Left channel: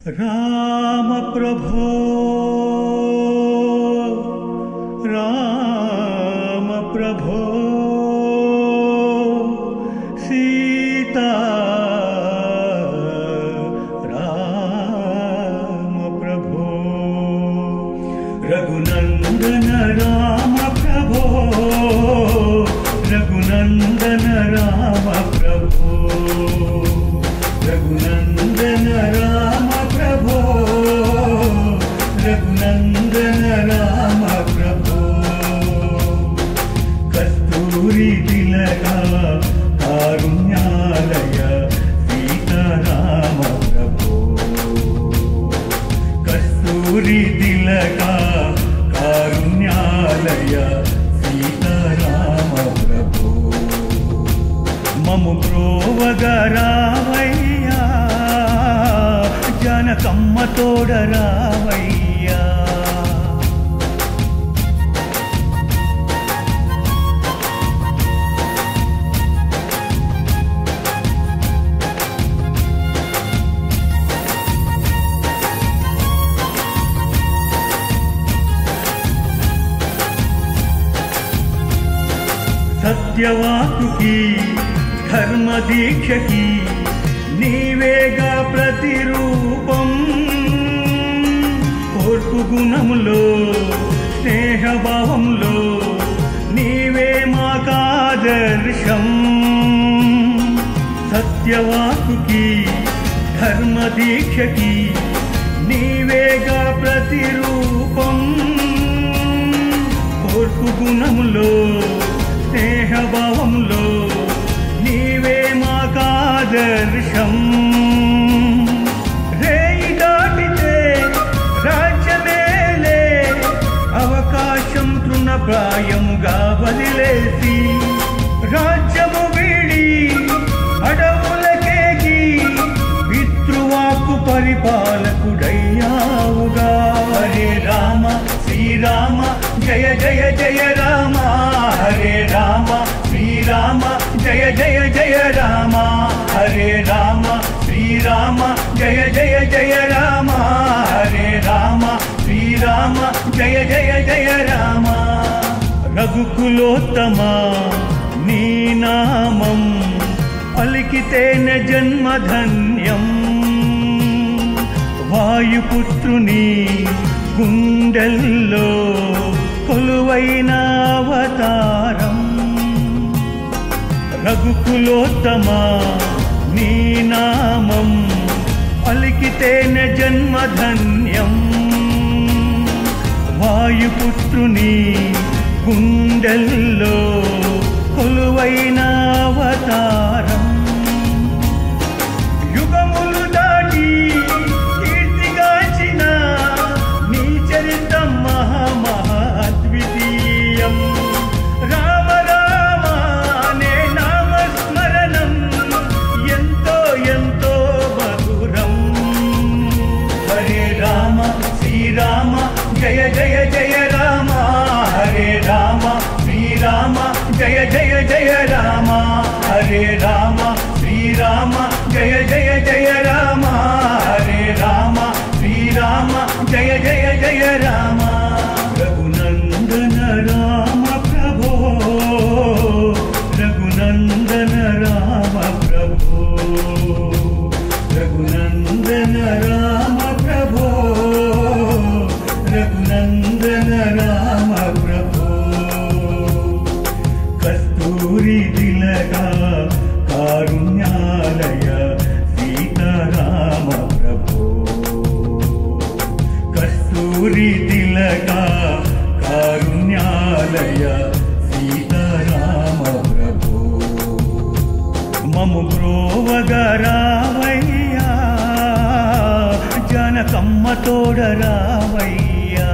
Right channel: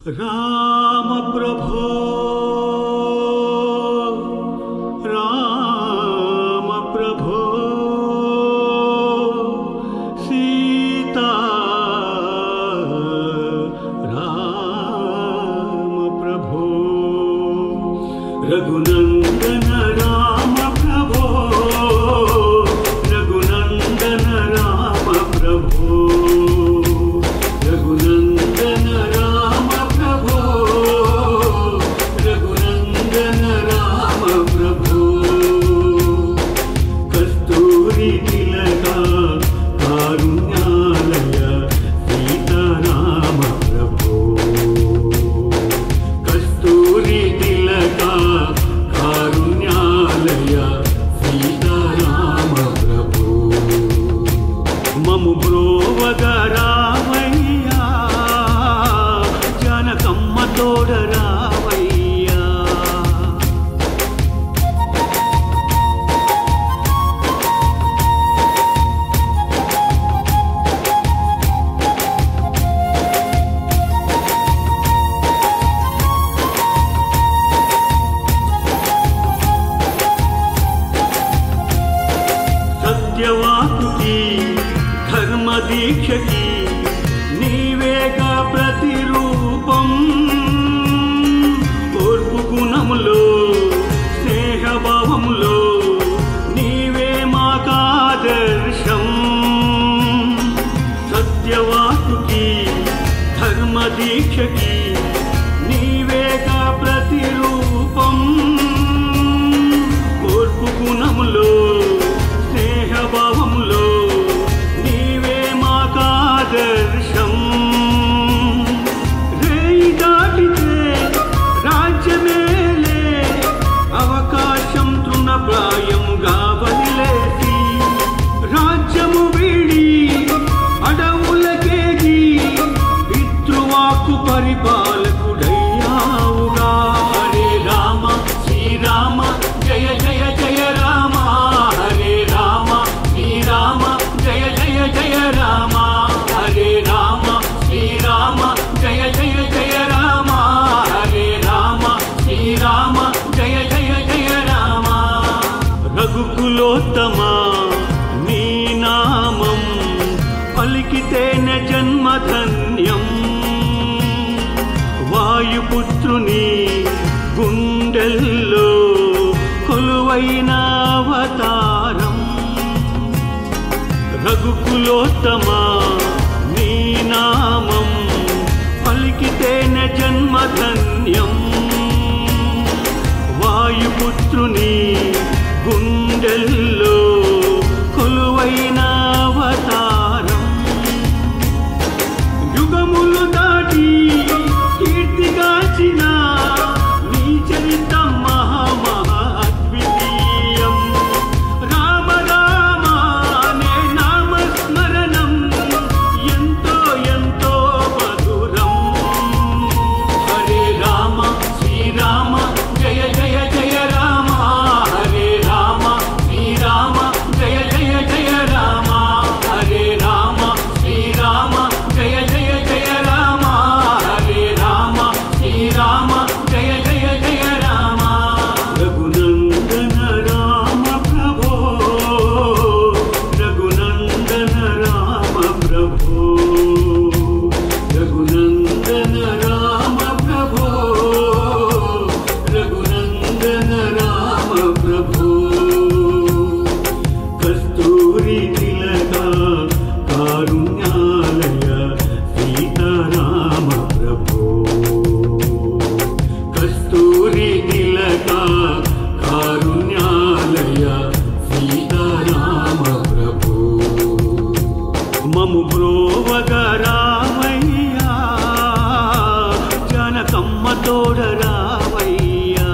राम प्रभो राम प्रभो सीता राम प्रभो रघुनंदन राम प्रभो रघुनंदन राम प्रभो रघुनंदन राम प्रभो रघुनंदन राम प्रभो कस्तूरी तिलका कारुण्यालय सीताराम प्रभो कस्तूरी तिलका कारुण्यालय सीताराम प्रभो ममु ब्रोवगरावय्या जनकम्म तोडरावय्या सत्यवाकुकी धर्म दीक्ष की नीवेगा प्रतिरूपम ओर्पु गुणमुलो स्नेह भावमुलो नीवे माकादर्शम सत्यवाकुकी धर्म दीक्ष की नीवेगा प्रतिरूपम ओर्पु गुणमुलो स्नेह भावमुलो नीवे माकादर्शम रेई दाटिते राज्यमेले అవకాశం తృణప్రాయముగా వదిలేసి రాజ్యము వీడి అడవులకేగి పితృవాకు పరిపాలకుడయ్యావుగా హరే రామ శ్రీరామ జయ జయ జయ రామ హరే రామ శ్రీరామ జయ జయ జయ రామ హరే రామ శ్రీరామ జయ జయ జయ రామ హరే రామ శ్రీరామ జయ జయ జయ రామ రఘుకులోత్తమా నీ నామం పలికితేనే జన్మధన్యం వాయుపుత్రుని గుండెల్లో కొలువైన అవతారం రఘుకులోత్తమా నీ నామం పలికితేనే జన్మధన్యం వాయుపుత్రుని గుండెల్లో కొలువైన అవతారం యుగములు దాటి కీర్తిగాచిన నీ చరితం మహా అద్వితీయం రామ రామ నే నామస్మరణం ఎంతో ఎంతో మధురం హరే రామ శ్రీరామ జయ జయ జయ రామ హరే రామ శ్రీరామ జయ జయ జయ రామ హరే రామ శ్రీరామ జయ జయ జయ రామ హరే రామ శ్రీరామ జయ జయ జయ రామ రఘునందన రామ ప్రభో రఘునందన రామ ప్రభో రఘునందన రామ ప్రభో రఘునందన రామ ప్రభో కస్తూరి తిలకా కారుణ్యాలయ సీతారామ ప్రభో కస్తూరి తిలకా కారుణ్యాలయ సీతారామ ప్రభో మము బ్రోవగరావయ్యా జనకమ్మ తోడరావయ్యా